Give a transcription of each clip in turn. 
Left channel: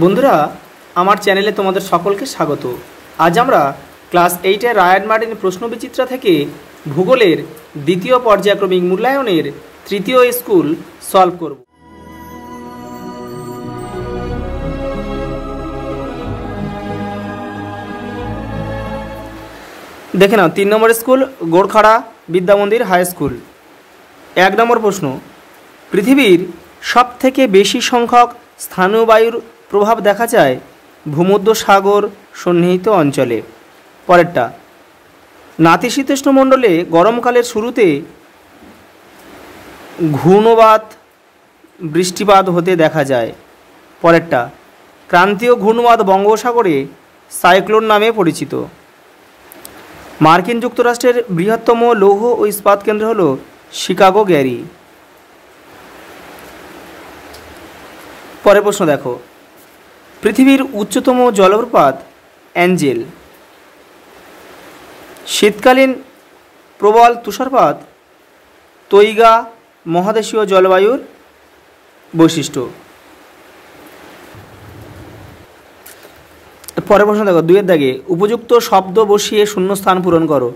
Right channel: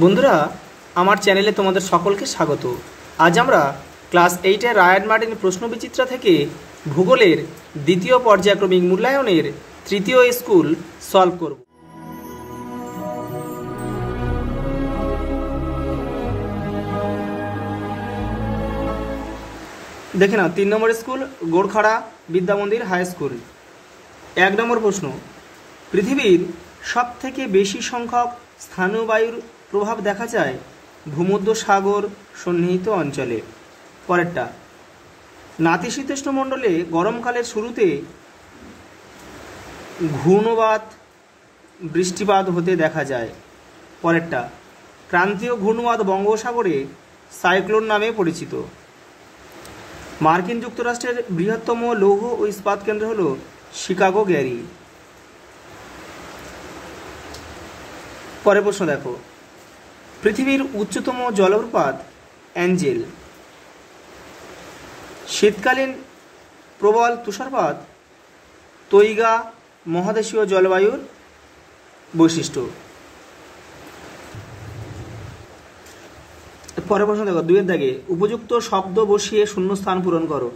বন্ধুরা, আমার চ্যানেলে তোমাদের সকলকে স্বাগত। আজ আমরা ক্লাস 8-এর রায়ান মার্টিন প্রশ্নবিচিত্রা থেকে ভূগোলের দ্বিতীয় পর্যায়ক্রমিক মূল্যায়নের তৃতীয় স্কুল সলভ করব। দেখে নাও, 3 নম্বর স্কুল গোরখাড়া বিদ্যামন্দির হাই স্কুল। 1 নম্বর প্রশ্ন, পৃথিবীর সবথেকে বেশি সংখ্যক স্থানীয় বায়ুর প্রভাব দেখা যায় ভূমধ্যসাগর সন্নিহিত অঞ্চলে। পরেরটা, নাতিশীতোষ্ণ মণ্ডলে গরমকালের শুরুতে ঘূর্ণবাত বৃষ্টিপাত হতে দেখা যায়। পরেরটা, ক্রান্তীয় ঘূর্ণবাত বঙ্গোপসাগরে সাইক্লোন নামে পরিচিত। মার্কিন যুক্তরাষ্ট্রের বৃহত্তম লৌহ ও ইস্পাত কেন্দ্র হল শিকাগো গ্যারি। পরের প্রশ্ন দেখো, পৃথিবীর উচ্চতম জলপ্রপাত অ্যাঞ্জেল। শীতকালীন প্রবল তুষারপাত তৈগা মহাদেশীয় জলবায়ুর বৈশিষ্ট্য। পরের প্রশ্ন দেখো, 2-এর দাগে উপযুক্ত শব্দ বসিয়ে শূন্যস্থান পূরণ করো।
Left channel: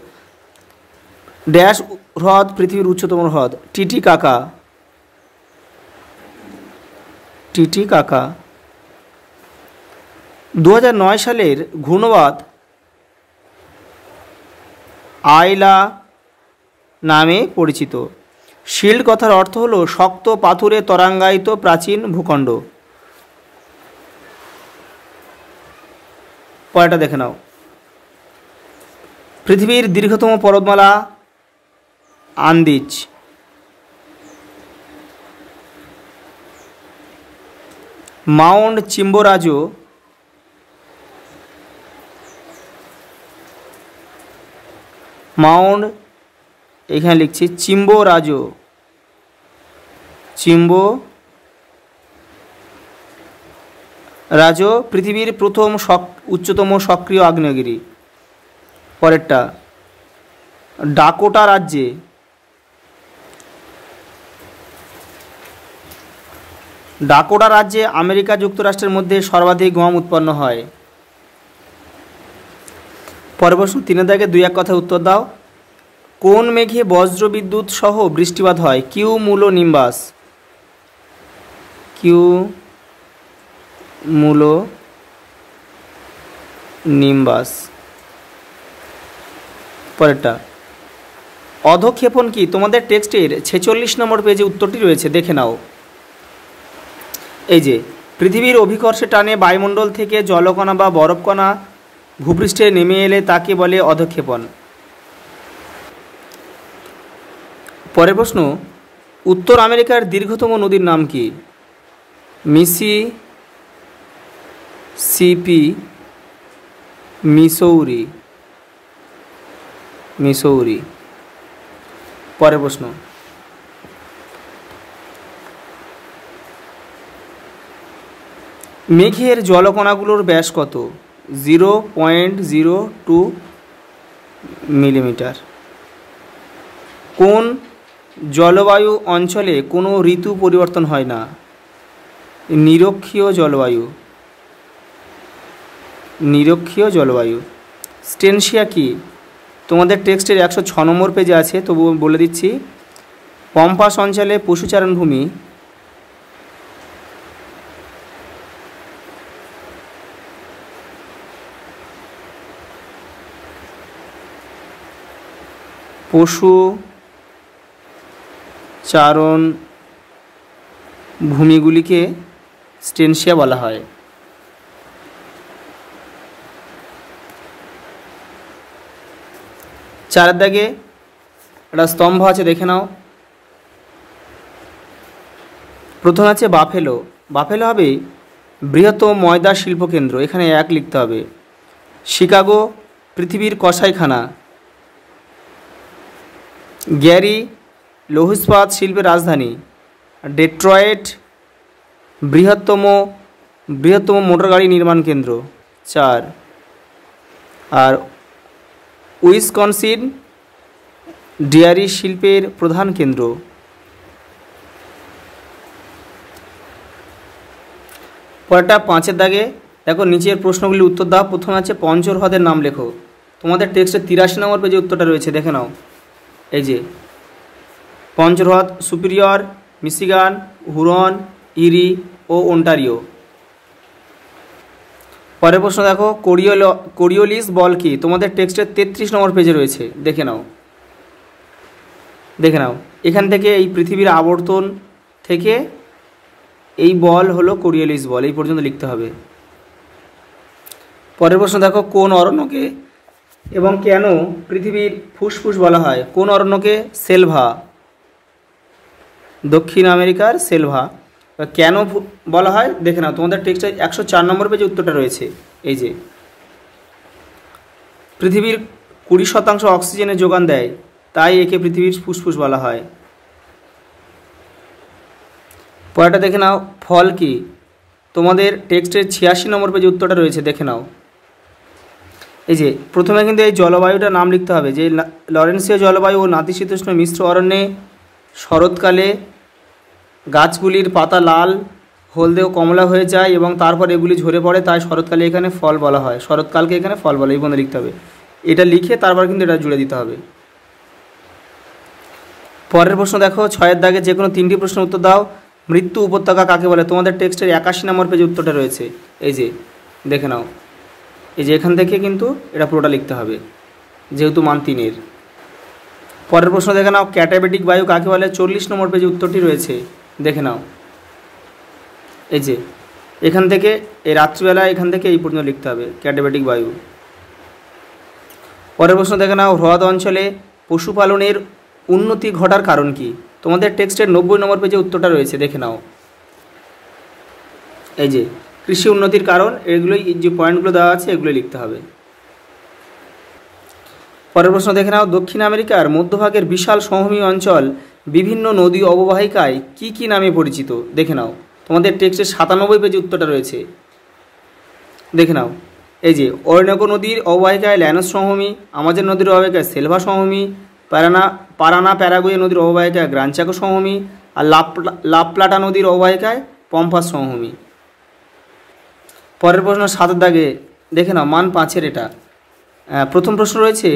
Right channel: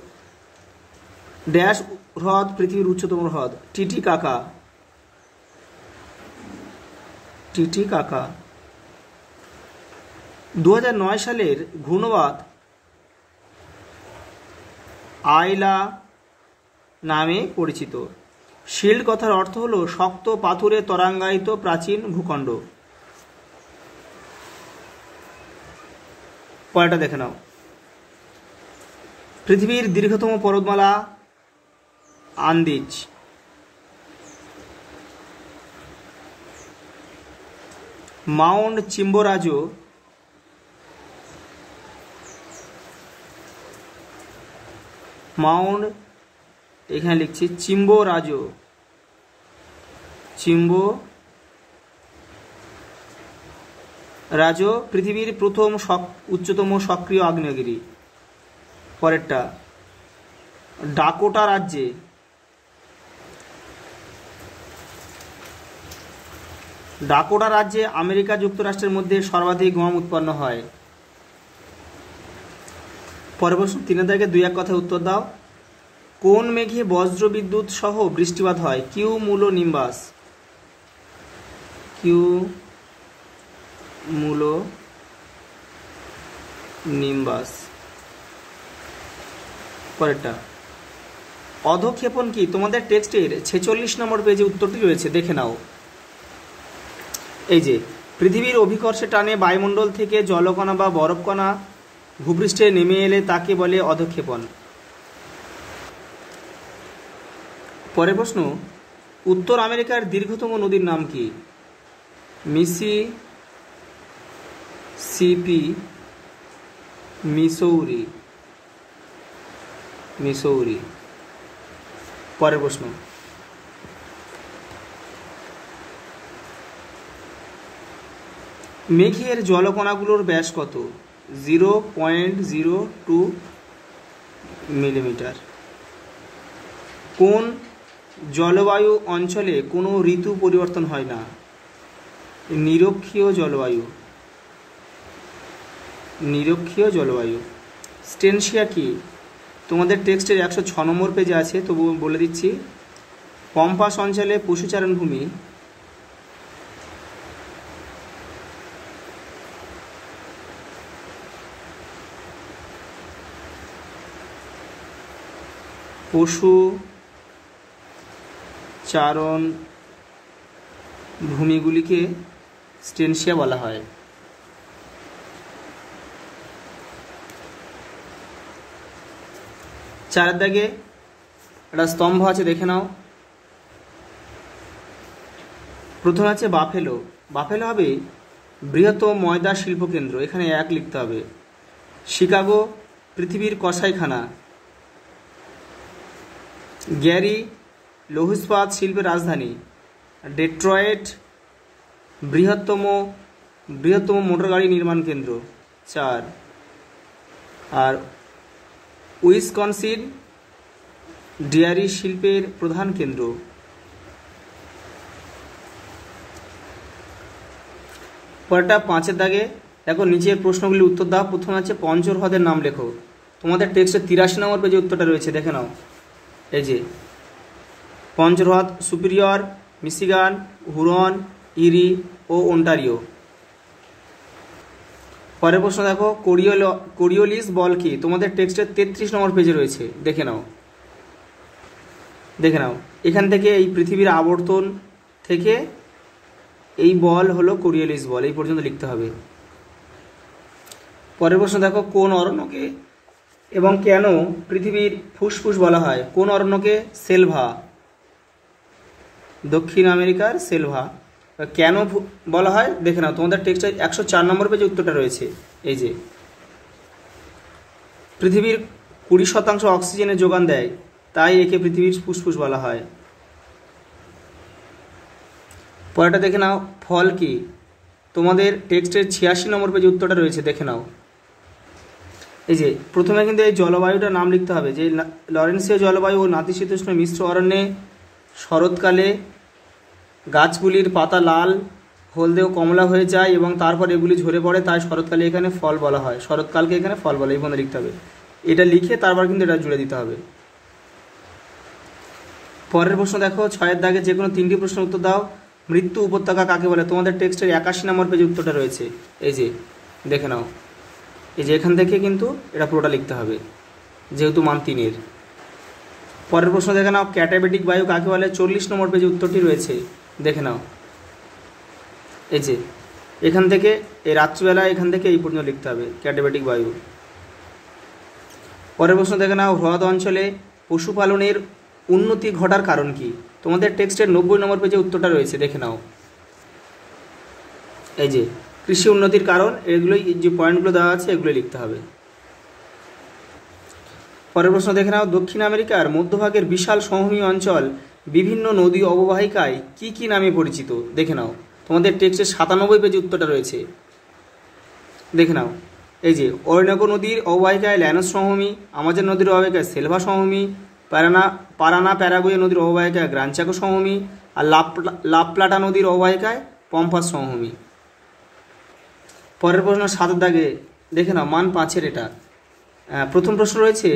ড্যাশ হ্রদ পৃথিবীর উচ্চতম হ্রদ? টিটিকাকা। টিটিকাকা। 2009 সালের ঘূর্ণবাত আইলা নামে পরিচিত। শিল্ড কথার অর্থ হল শক্ত পাথুরে তরাঙ্গায়িত প্রাচীন ভূখণ্ড। পরেরটা দেখে নাও, পৃথিবীর দীর্ঘতম পর্বতমালা আন্দিজ। মাউন্ট চিম্বোরাজো এখানে লিখছি চিম্বোরাজো। চিম্বোরাজো পৃথিবীর প্রথম উচ্চতম সক্রিয় আগ্নেয়গিরি। পরেরটা, ডাকোটা রাজ্যে আমেরিকা যুক্তরাষ্ট্রের মধ্যে সর্বাধিক গম উৎপন্ন হয়। পরের প্রশ্ন, 3-এর দাগে 2-1 কথায় উত্তর দাও। কোন মেঘে বজ্র বিদ্যুৎ সহ বৃষ্টিপাত হয়? Cumulo Nimbus. Cumulo Nimbus. পরেরটা, অধঃক্ষেপণ কি? তোমাদের টেক্সটের 46 নম্বর পেজে উত্তরটি রয়েছে, দেখে নাও। এই যে, পৃথিবীর অভিকর্ষে টানে বায়ুমণ্ডল থেকে জলকণা বা বরফকণা ভূপৃষ্ঠে নেমে এলে তাকে বলে অধঃক্ষেপণ। পরের প্রশ্ন, উত্তর আমেরিকার দীর্ঘতম নদীর নাম কি? Mississippi, Missouri. পরের প্রশ্ন, মেঘের জলকণাগুলোর ব্যাস কত? 0.02 মিলিমিটার। কোন জলবায়ু অঞ্চলে কোনো ঋতু পরিবর্তন হয় না? নিরক্ষীয় জলবায়ু। স্টেনশিয়া কি? তোমাদের টেক্সটের 106 নম্বর পেজে আছে, তবু বলে দিচ্ছি। পম্পাস অঞ্চলে পশুচারণ ভূমি। পশুচারণ ভূমিগুলিকে স্টেনশিয়া বলা হয়। 4-এর দাগে একটা স্তম্ভ আছে, দেখে নাও। প্রথম আছে বাফেলো। বাফেলো হবে বৃহত্তম ময়দা শিল্পকেন্দ্র, এখানে 1 লিখতে হবে। শিকাগো পৃথিবীর কসাইখানা। গ্যারি লৌহ ইস্পাত শিল্পের রাজধানী। ডেট্রয়েট বৃহত্তম মোটরগাড়ি নির্মাণ কেন্দ্র। 4। আর উইসকনসিন ডেয়ারি শিল্পের প্রধান কেন্দ্র। পরেরটা 5-এর দাগে দেখো, নিচের প্রশ্নগুলি উত্তর দাও। প্রথমে আছে পঞ্চর হ্রদের নাম লেখো। তোমাদের টেক্সটে 83 নম্বর পেজে উত্তরটা রয়েছে, দেখে নাও। এই যে পঞ্চর হ্রদ সুপিরিয়র, মিশিগান, হুরন, ইরি ও ওন্টারিও। পরের প্রশ্ন দেখো, কোরিওলিস বল কি? তোমাদের টেক্সটের 33 নম্বর পেজে রয়েছে, দেখে নাও। এখান থেকে এই পৃথিবীর আবর্তন থেকে এই বল হলো কোরিওলিস বল, এই পর্যন্ত লিখতে হবে। পরের প্রশ্ন দেখো, কোন অরণ্যকে এবং কেন পৃথিবীর ফুসফুস বলা হয়? কোন অরণ্যকে? সেলভা, দক্ষিণ আমেরিকার সেলভা। কেন বলা হয় দেখে নাও। তোমাদের টেক্সটে 104 নম্বর পেজে উত্তরটা রয়েছে। এই যে পৃথিবীর 20% অক্সিজেনের যোগান দেয়, তাই একে পৃথিবীর ফুসফুস বলা হয়। পরেরটা দেখে নাও, ফল কি? তোমাদের টেক্সটের 86 নম্বর পেজে উত্তরটা রয়েছে, দেখে নাও। এই যে প্রথমে কিন্তু এই জলবায়ুটার নাম লিখতে হবে, যে লরেন্সীয় জলবায়ু ও নাতিশীতোষ্ণ মিশ্র অরণ্যে শরৎকালে গাছগুলির পাতা লাল, হলদে ও কমলা হয়ে যায় এবং তারপর এগুলি ঝরে পড়ে, তাই শরৎকালে এখানে ফল বলা হয়। শরৎকালকে এখানে ফল বলে, এই বন্ধু লিখতে হবে। এটা লিখে তারপর কিন্তু এটা জুড়ে দিতে হবে। পরের প্রশ্ন দেখো, 6-এর দাগে যে কোনো 3টি প্রশ্নের উত্তর দাও। মৃত্যু উপত্যকা কাকে বলে? তোমাদের টেক্সটের 81 নম্বর পেজে উত্তরটা রয়েছে। এই যে দেখে নাও। এই যে এখান থেকে কিন্তু এটা পুরোটা লিখতে হবে, যেহেতু মান 3-এর। পরের প্রশ্ন দেখে নাও, ক্যাটাবেটিক বায়ু কাকে বলে? 40 নম্বর পেজে উত্তরটি রয়েছে, দেখে নাও। এই যে এখান থেকে এই রাত্রিবেলা এখান থেকে এই পর্যন্ত লিখতে হবে, ক্যাটাবেটিক বায়ু। পরের প্রশ্ন দেখে নাও, হ্রদ অঞ্চলে পশুপালনের উন্নতি ঘটার কারণ কি? তোমাদের টেক্সটের 90 নম্বর পেজে উত্তরটা রয়েছে, দেখে নাও। এই যে কৃষি উন্নতির কারণ, এগুলোই যে পয়েন্টগুলো দেওয়া আছে এগুলো লিখতে হবে। পরের প্রশ্ন দেখে নাও, দক্ষিণ আমেরিকার মধ্যভাগের বিশাল সমভূমি অঞ্চল বিভিন্ন নদী অববাহিকায় কি কি নামে পরিচিত? দেখে নাও। তোমাদের টেক্সটের 97 পেজে উত্তরটা রয়েছে, দেখে নাও। এই যে অরণ্যকো নদীর অববাহিকায় ল্যানোস সমভূমি, আমাজন নদীর অববাহিকায় সেলভা সমভূমি, পারানা প্যারাগুয়ে নদীর অববাহিকায় গ্রান চাকো সমভূমি, আর লাপ্লাটা নদীর অববাহিকায় পম্পাস সমভূমি। পরের প্রশ্ন 7-এর দাগে দেখে নাও, মান 5-এর এটা। প্রথম প্রশ্ন রয়েছে,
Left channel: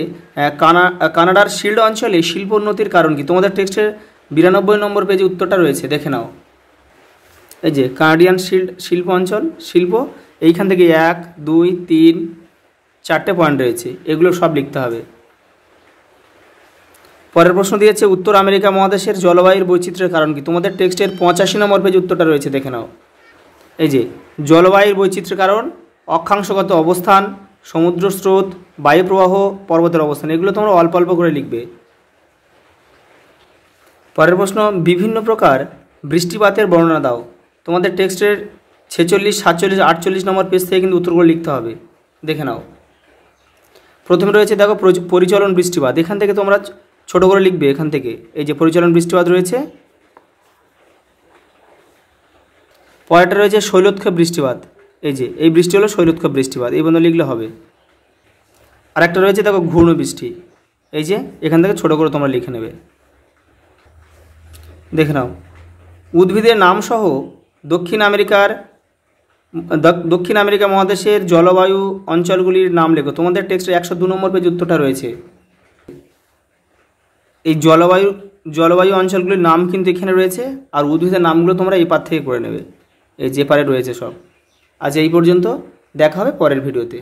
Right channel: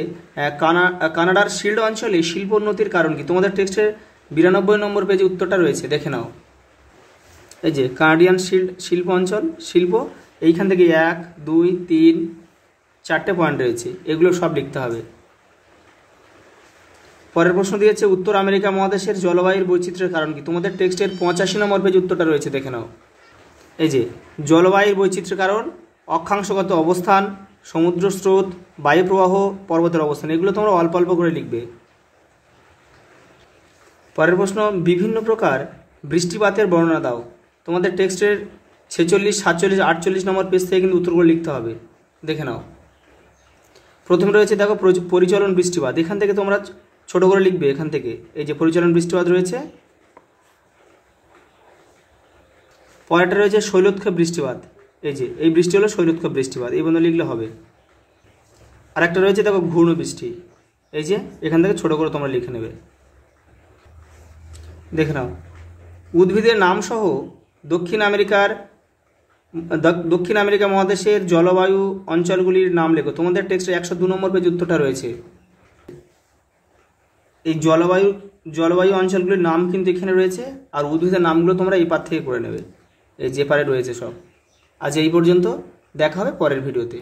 কানাডার শিল্ড অঞ্চলে শিল্পোন্নতির কারণ কি? তোমাদের টেক্সটের 92 নম্বর পেজে উত্তরটা রয়েছে, দেখে নাও। এই যে কানাডিয়ান শিল্প অঞ্চল, শিল্প, এইখান থেকে 1, 2, 3, 4টে পয়েন্ট রয়েছে, এগুলো সব লিখতে হবে। পরের প্রশ্ন দিয়েছে, উত্তর আমেরিকা মহাদেশের জলবায়ুর বৈচিত্র্যের কারণ কি? তোমাদের টেক্সটের 85 নম্বর পেজে উত্তরটা রয়েছে, দেখে নাও। এই যে জলবায়ুর বৈচিত্র্যের কারণ অক্ষাংশগত অবস্থান, সমুদ্র স্রোত, বায়ু প্রবাহ, পর্বতের অবস্থান, এগুলো তোমরা অল্প অল্প করে লিখবে। পরের প্রশ্ন, বিভিন্ন প্রকার বৃষ্টিপাতের বর্ণনা দাও। তোমাদের টেক্সটের 46, 47, 48 নম্বর পেজ থেকে কিন্তু উত্তরগুলো লিখতে হবে, দেখে নাও। প্রথমে রয়েছে দেখো পরিচলন বৃষ্টিপাত, এখান থেকে তোমরা ছোট করে লিখবে, এখান থেকে এই যে পরিচলন বৃষ্টিপাত রয়েছে। পরেরটা রয়েছে শৈলোৎক্ষেপ বৃষ্টিপাত, এই যে এই বৃষ্টি হলো শৈলোৎক্ষেপ বৃষ্টিপাত, এই বন্ধু লিখলে হবে। আর একটা রয়েছে দেখো ঘূর্ণ বৃষ্টি, এই যে এখান থেকে ছোট করে তোমরা লিখে নেবে, দেখে নাও। উদ্ভিদের নামসহ দক্ষিণ আমেরিকা মহাদেশের জলবায়ু অঞ্চলগুলির নাম লেখো। তোমাদের টেক্সটে 102 নম্বর পেজ উত্তরটা রয়েছে। এই জলবায়ু অঞ্চলগুলির নাম কিন্তু এখানে রয়েছে, আর উদ্ভিদের নামগুলো তোমরা এই পার থেকে করে নেবে, এই যে পারে রয়েছে সব। আজ এই পর্যন্ত, দেখা হবে পরের ভিডিওতে।